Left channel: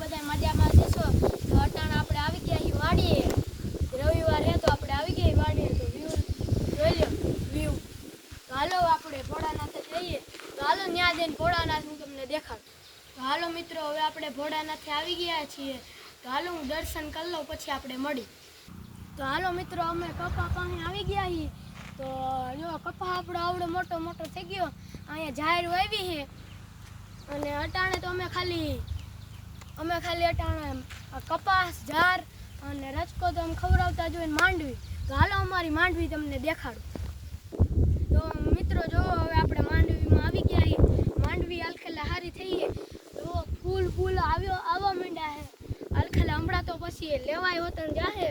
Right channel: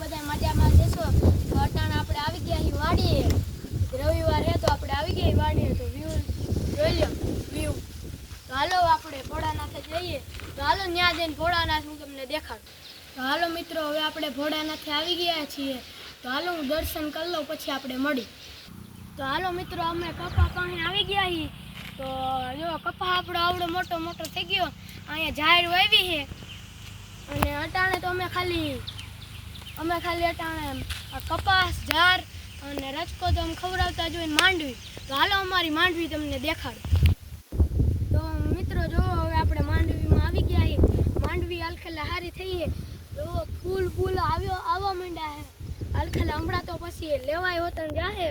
બધા મજામાં જશો. તો અટાણે આપણે આવી ગયા અહીં વાડીએ. રવિવાર હે તો આપણે આવી ગયા વાડીએ. તો વ્યૂ જોઈ લો વ્યૂ. તો હાલો આપણે ભોળાનાથે જઈએ. તો હાલો ત્યાં જઈને ભોળાનાથ હું તમને દેખાડું. તો હાલો મિત્રો, હવે આપણે ભોળાનાથે આવી ગયા છીએ. તો હાલો હું દર્શન કરી લઉં, પછી આપણે મળી. તો હાલો મિત્રો, અમે કપા પાસે આવી ગયા છીએ. તો જો કપા આપણો આવડો મોટો મોટો થઈ ગયો. અહીંયા ઝાડ વાવી છે અને અટાણે તો અમે ખાલી અટાણે કપાસ, ઝાર અને રચકો તો અમે ખવડાવતા જોઈને માંડવી. તો હાલો અમારી માંડવી તમને દેખાડું. તો મિત્રો જો હવે આપણે માંડવીમાં આવી ગયા છીએ. માંડવી હાલખેલા હારી થઈ છે. તો ફૂલ આવવા માંડ્યા છે. હાલખેલા હમણાં તો પછી લેવાય હોતા જાહે.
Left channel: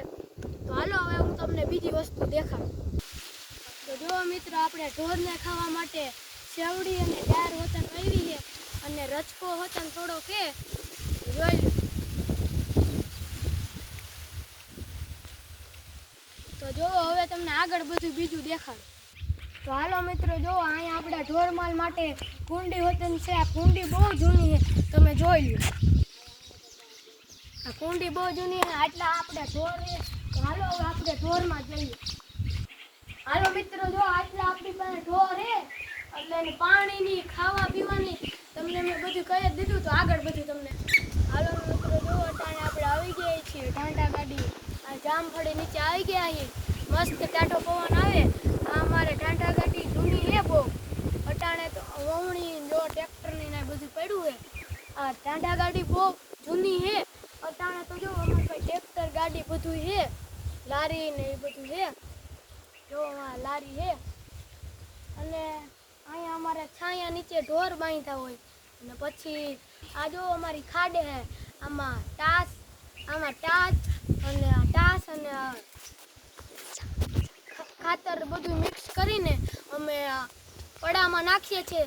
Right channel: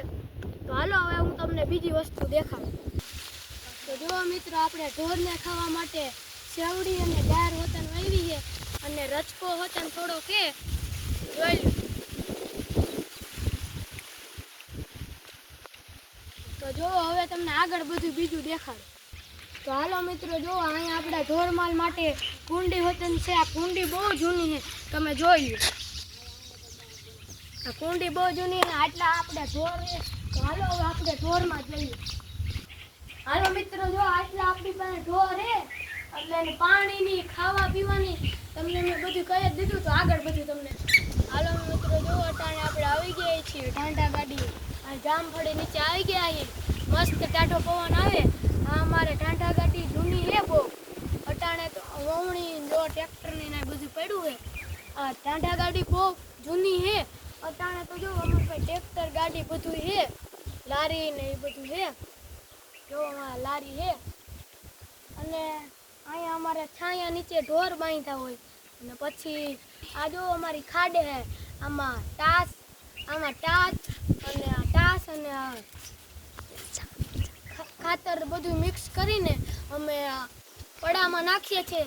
તો હાલો હવે હું તમને બીજી વસ્તુ દેખાડું. તો જો મિત્રો, આપણે ઢોરને ખાવા માટે સેવડી અને દાળ હોતન વાવી છે અને રચકો હોતન થોડો કે જોઈ લો. તો જો હવે તમને આગળ બધું બીજું દેખાડું. તો હાલો મિત્રો, જો અહીંયા આપણા ઢોરમાલ માટે કુંડી હોતન છે. આ કુંડી બહુ જૂની છે, તમે જોઈ લો. આ કુંડી બહુ જૂની છે, આટલા આપણે ઢોર છે. તો હાલો હવે આપણે ઢોરમાં જઈએ. હાલો મિત્રો, જો આટલા આપણી પાસે ઢોર છે એટલે પાણીની ખાવા પીવાની તમને મેં બધું કહી જ દીધું. તો આગળ બધું તમને હાલો મિત્રો, જો અટાણે આપણે આવી ગયા છીએ ઢાંઢા ગાડી. આ જામફળી નીચે આવી ગયા છીએ. મસ્ત ટાઢો પવન આવે. આ અમારે ઢાંઢા ગાડી જૂની છે બહુ. અટાણે તો વવણી જો ટ્રેક્ટરની ને બધું પડ્યું છે. આ ઢાંઢા ગાડી બહુ જૂની છે. અટાણે તો જો અમારે પાસે ટ્રેક્ટર ગાડી બધું છે, લારી ને એ બધું છે. જો લારી છે અને અહીંયા અમારે છાયા નીચે ઢોર બાંધતા હોય. અને પછી આ જો અમારી ખાડે છે. આમાં ટાસ અને ખાતર બધું મિક્સ કરીને અમે પડામાં નાખીએ છીએ.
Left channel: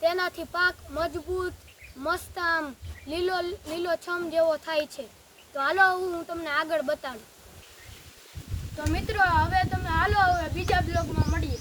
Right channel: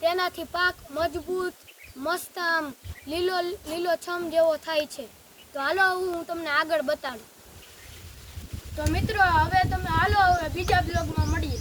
તેનાથી પાક મજબૂત, મસ્ત, આમ લીલો છમ જેવો થાય છે. તો હાલો હું તમને આગળ બતાડું. તો મિત્રો, હવે તમે હાલો હવે બીજા બ્લોગમાં મળીએ.